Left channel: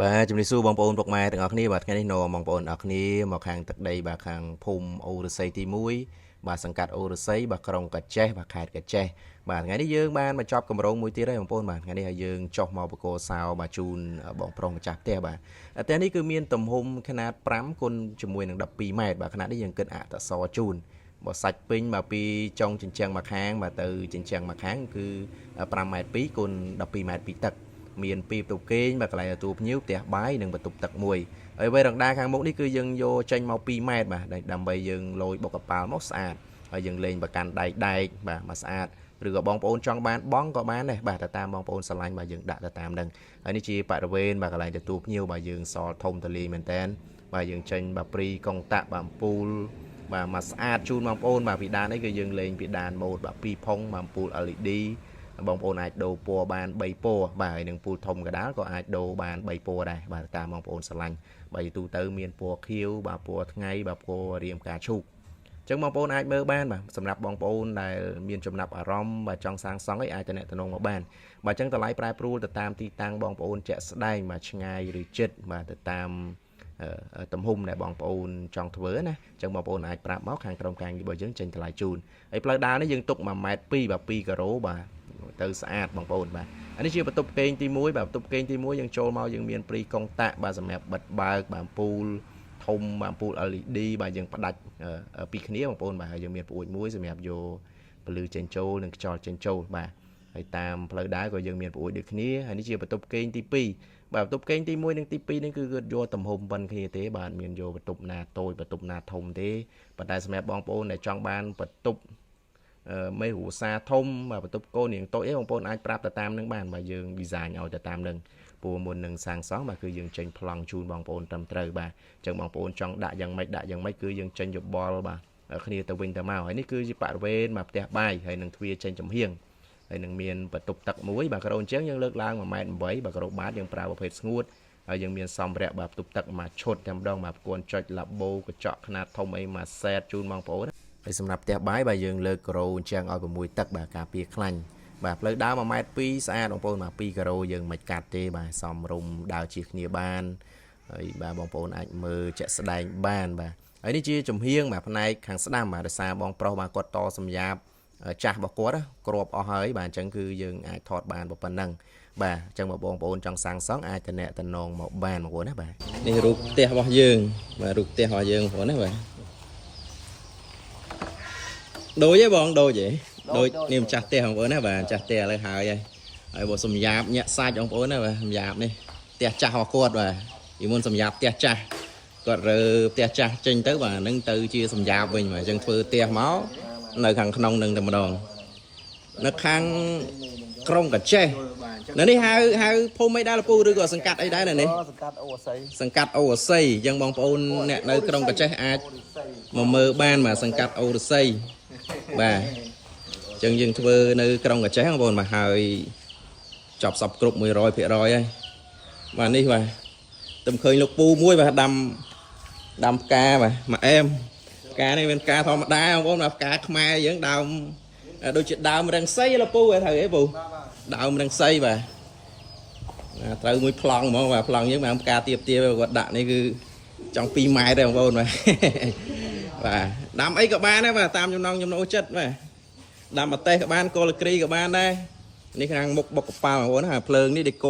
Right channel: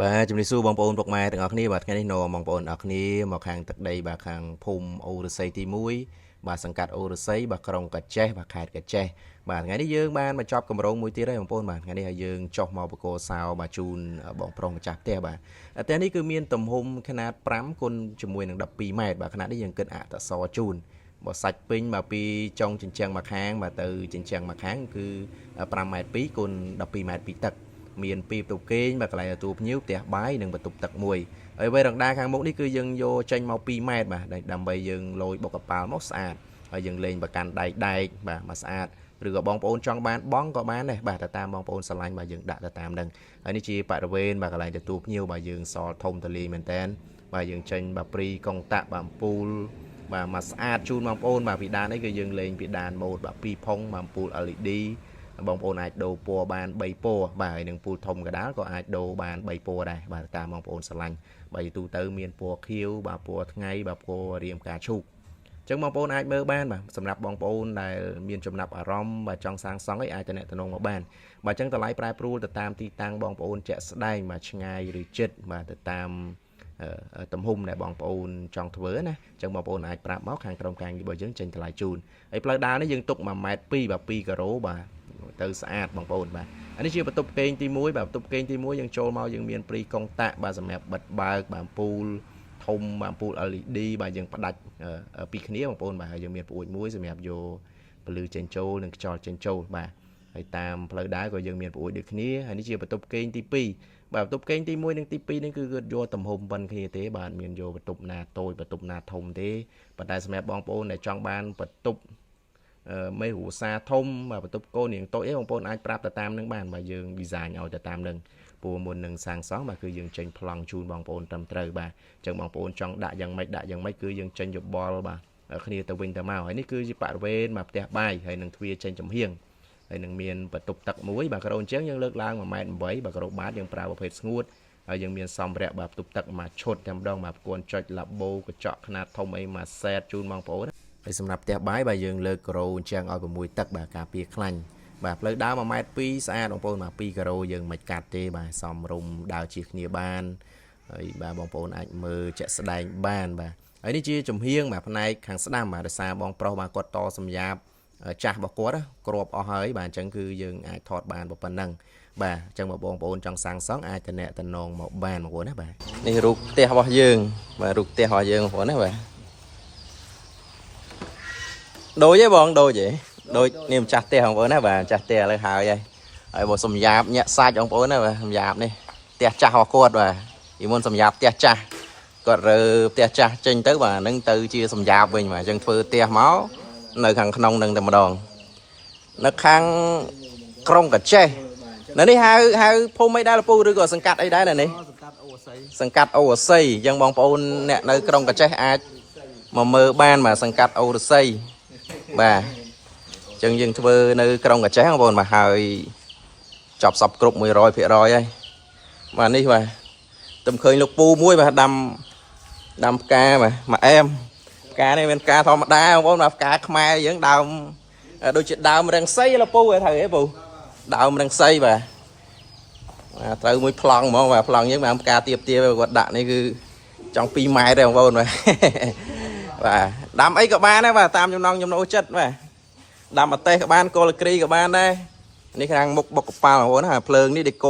Bàជំរាបសួរបងប្អូនពុកម៉ែទាំងអស់គ្នាបាទថ្ងៃនេះនាំបងប្អូនទាំងអស់គ្នាមកខាងទឹកដីបាទខាងភូមិអូរស័យទី1បាទសង្កាត់អូរស័យបាទក្រុងកាចេះបាទខេត្តកាចេះបាទថ្ងៃនេះយើងបានមកចប់កម្រងមួយទៀតហើយបងប្អូនបាទថ្ងៃនេះឲ្យយើងចុះមកបកគោសោបាទជូនបងប្រុសម្ចាស់ផ្ទះបាទផ្ទះនេះគឺមានទំហំຂະຫນາດ5គុណជាមួយនឹង12ម៉ែត្របាទຂະຫນາດនេះយើងគិតអក្សរជូនបើសាច់ពេញមកពីចុងជញ្ជាំងមកខាងបាទទៅជញ្ជាំងមកខាងគឺ5ម៉ែត្រ2គុណ12ម៉ែត្រពីទឹកមានពីបន្ទប់គេងបាទកន្លែងទទួលភ្ញៀវផ្ទះបាយនិងបន្ទប់ទឹកមួយហើយវេរងដាខាងមុខនេះគឺយើងយកចេញមក2ម៉ែត្របាទដើម្បីយើងលយបុកកប៉ាល់មកស្អាតហើយយើងលេងបកាន់ដែកបាទមកស្អាតឬក៏បងប្អូនចង់បានបងក៏បានដែរបាទទៅតាមបងប្អូនស្រឡាញ់បាទយើងដាក់ទៅតាមនឹងហើយនេះជាបរិវេណបាទកន្លែងទទួលភ្ញៀវបាទយើងសល់ធំទលាយមែនតើបាទយើងចេញបាទព្រីកុងតាក់បាទអំពូលបាទមកស្អាតជូនបងប្អូនបាទពីដាននេះគឺយើងលេងពីដានម៉ូដបាទ2ផុងបាទអំពូល LED បងប្អូនអាចដូរពណ៌បាន3ពណ៌បាទហើយនឹងពូលធំកដាលក៏អាចដូរបាន3ពណ៌ដែរបាទតាមបងប្អូនស្រឡាញ់បាទទូទៅមានពណ៌ខៀវបាទពណ៌ថ្ងៃបាទពណ៌រាមផ្កាឈូកអញ្ចឹងបងប្អូនអាចមើលបានបាទសម្រាប់បងប្អូនដែលមានចំណាប់អារម្មណ៍បាទចង់សាងសង់អីអាចតំណងមកបានបាទអញ្ចឹងតម្លៃប្រែប្រួលទៅតាមទីតាំងបងប្អូនជាក់ស្ដែងបាទឆ្ងាយឬជិតបាទទៅតាមទំហំដែលបងប្អូនចង់ធ្វើណាអញ្ចឹងបងប្អូនអាចប្រាប់មកខាងក្រុមការងាររបស់យើងចេញតម្លៃជូនហើយផ្លូវដើរនេះយើងទុក1.2 ម៉ែត្របាទ2គីឡូបាទទៅស្អាតបងប្អូនបាទអានេះជាបន្ទប់គេងទី1បាទបន្ទប់គេងទី1យើងចូលមកយើងមានព្រីកុងតាក់បាទសម្រាប់បិទបើកបាទអំពូលធំបាទអំពូល LED បាទយើងផ្ដាច់ពីគ្នាបងប្អូនបាទហើយយើងមានប្អួយមួយសម្រាប់យកពលឺចេញចូលនិងខ្យល់ចេញចូលបាទហើយតាមផ្លូវដើរក៏យើងមានប្អួយដូចគ្នាហើយនេះជាបន្ទប់គេងទី2បាទបន្ទប់គេងទី1និងទី2នេះគឺគាត់យកទំហំប៉ុនគ្នាទេបាទមានយកបន្ទប់ណាតូចបន្ទប់ណាធំទេប៉ុន្តែសម្រាប់បងប្អូនដែលចង់បានបន្ទប់មេគ្រួសារធំបាទបន្ទប់កូននាងតូចអីបងប្អូនអាចប្រាប់ទៅតាមនឹងបានបាទយើង design ឲ្យទៅតាមនឹងព្រោះមុននឹងសាងសង់បាទគឺយើងចេញប្លង់ជូនបងប្អូនត្រឹមត្រូវបាទអញ្ចឹងបងប្អូនចង់ដាក់យ៉ាងម៉េចគឺយើងចេញយោបល់បាទគ្នាទៅវិញទៅមកហើយនេះគឺជាបរិវេណបាទផ្ទះបាយហើយនឹងទ្វារចេញចំហៀងហើយនឹងមានបន្ទប់ទឹកមួយបាទក្រោយអញ្ចឹងយើងលើកឡើង1.8 ម៉ែត្របាទក្រោយបាតយើងប្រើប្រភេទស្ងួតហើយយើងមានសម្ភារៈបាទបន្ទប់ទឹកមួយឈុតតែម្ដងបាទគួនចុចឡាបូកញ្ចក់ខ្នាតធំអីមួយសេតជូនបងប្អូនហើយសម្រាប់ផ្ទះបាយបាទយើងលើកក្រោយអញ្ចឹងឲ្យ6ទឹកបាទការពារខ្លាញ់បាទផ្លូវដើរ1.2 ម៉ែត្រស្អាតបងប្អូនបាទ2គីឡូយើងមិនកាត់ទេបាទសមរម្យដើរជិះគ្នាបានហើយបាទបងប្អូនអាចមើលជាក់ស្ដែងបានបាទហើយនេះជាចំហៀងបាទផ្នែកខាងស្ដាំបាទដោយសារបងប្រុសបាទគាត់តសម្ញាប់ចាស់របស់គាត់គ្របអស់ហើយបាទអញ្ចឹងគឺយើងអាចថតបានប៉ុណ្ណឹងបាទអញ្ចឹងបងប្អូនចង់សាងសង់អាចតំណងមកបានបងប្អូនណាបាទនេះរូបផ្ទះរបស់យើងបាទរូបផ្ទះរបស់យើងបងប្អូនណាបាទដូចទេបងដូចទេដូចនេះម្ចាស់ផ្ទះបងប្អូនណាបាទម្ចាស់ផ្ទះឥឡូវហើយបើសម្ញាប់ញាក់សាច់បងប្អូនណាបាទសម្ញាប់នេះផ្ទះចាស់របស់គាត់បាទពីមុនសម្ញាប់ផ្ទះចាស់គាត់រើផ្ទះចាស់ចេញទៅបាទហ្នឹងទៅជាសម្ញាប់វិញបាទអញ្ចឹងធ្វើផ្ទះមកនៅខាងក្នុងនឹងតែម្ដងនៅខាងក្រុងកាចេះនៅនេះហៅភូមិអីដែរលពូឬក៏សង្កាត់អីដែរនៅនេះសង្កាត់អូរស័យសង្កាត់អូរស័យអញ្ចឹងបងប្អូនអ្នកនៅក្រុងកាចេះអាចមកមើលបានបាទសង្កាត់អូរស័យបាទអញ្ចឹងយើងធ្វើនៅក្រុងកាចេះបងប្អូនបាទហើយចប់សពគ្រប់ 100% ហើយបាទនេះបាទទំឃើញលោកពូមួយបាទដាំផ្កាបាទមកអែមផ្កានេះមានផ្កាធម្មតាបងប្អូនបាទផ្កាខ្មែរយើងដើមដូចជាដើមរឹងសីលោកពូត្រូវអីពូដើមរឹងសីបាទត្រូវមួយប្លង់ហ្មងបាទប្លង់យើងបានផ្កាទៀបគាត់ដាក់នេះគឺចង់2 ម៉ែត្រទេបងប្អូនបាទបាទដាំអីក៏បានដែរបាទតាមចំណង់ចំណូលចិត្តបាទដាំអទេសក៏បានគល់គ្រីក៏បានដែរនេះខាងមុខបុកកប៉ាល់បងប្អូនណាភ្លើងនេះដេក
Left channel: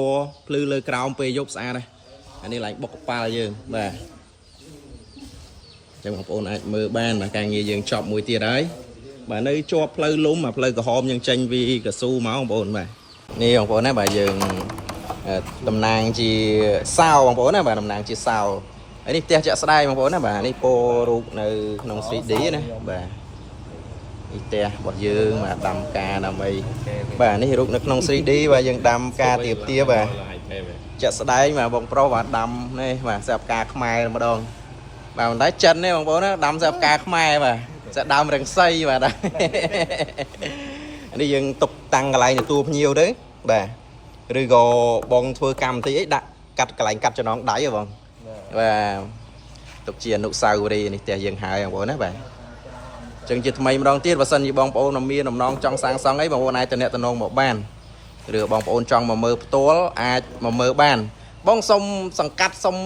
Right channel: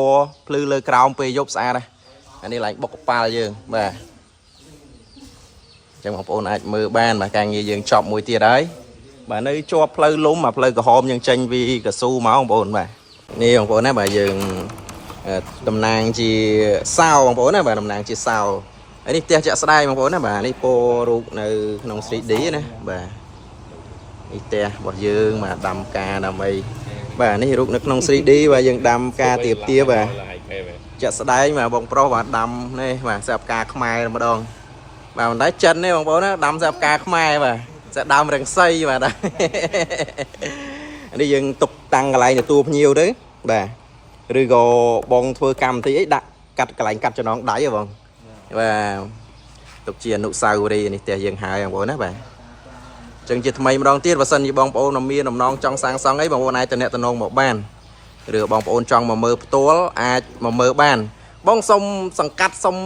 ភ្លឺលើក្រោមពេលយប់ស្អាតដែរអានេះឡើងបុកកប៉ាល់យើងបាទអញ្ចឹងបងប្អូនអាចមើលបានបាទការងារយើងចប់មួយទៀតហើយបាទនៅជាប់ផ្លូវលំផ្លូវក្រហមយើងចេញពីកស៊ូមកបងប្អូនបាទនេះបងប្អូនណាបាទយើងតំណាងជាសោបងប្អូនណាបាទតំណាងជាសោហើយនេះផ្ទះចាក់ស្ដាយបងប្អូនណាបាទនេះពណ៌រូបនៅក្នុង 3D ណាបាទនេះផ្ទះរបស់យើងបាទដាំការដាំអីបាទនេះរូបនៅក្នុង 3D បាទយើងដាំការទៀបបាទចាក់ស្ដែងបាទបងប្រុសបាទដាំនេះបាទស្រាប់ការខ្មែរម្ដងបាទមិនដែរចិនទេបងប្អូនណាដាំស្រាប់ការខ្មែរបាទស្រាប់ដើមរឹងសីបាទនេះយើងទុកតាំងកន្លែងទទួលភ្ញៀវទៅបាទឬក៏បងធ្វើកម្មវិធីអីដាក់កាត់កន្លែងកាត់ចំណងដៃហ៎បងបាទទុកជាអនុស្សាវរីយ៍នេះផ្ទះយើងហើយបងប្អូនណាបាទចឹងជាថ្មីម្ដងទៀតបើសិនជាបងប្អូនមានដំណងចង់សាងសង់អីបងប្អូនអាចតំណងមកបានឬបងប្អូនចង់មកមើលផ្ទាល់អាចមកមើលបាន បងសុំសង្កាត់សុំ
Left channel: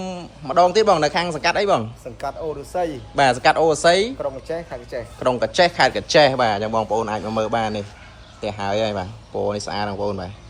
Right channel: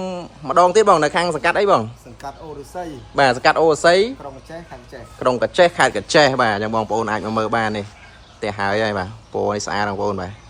ម្ដងទៀតបងនៅខាងសង្កាត់អីបងសង្កាត់អូរស័យ បាទសង្កាត់អូស័យ ក្រុងកញ្ចេះខេត្តកញ្ចេះ ក្រុងកាចេះខេត្តកាចេះបាទចាំបងប្អូនអាចមកមើលបាននេះផ្ទះហើយបាទពណ៌នេះស្អាតបងប្អូនបាទ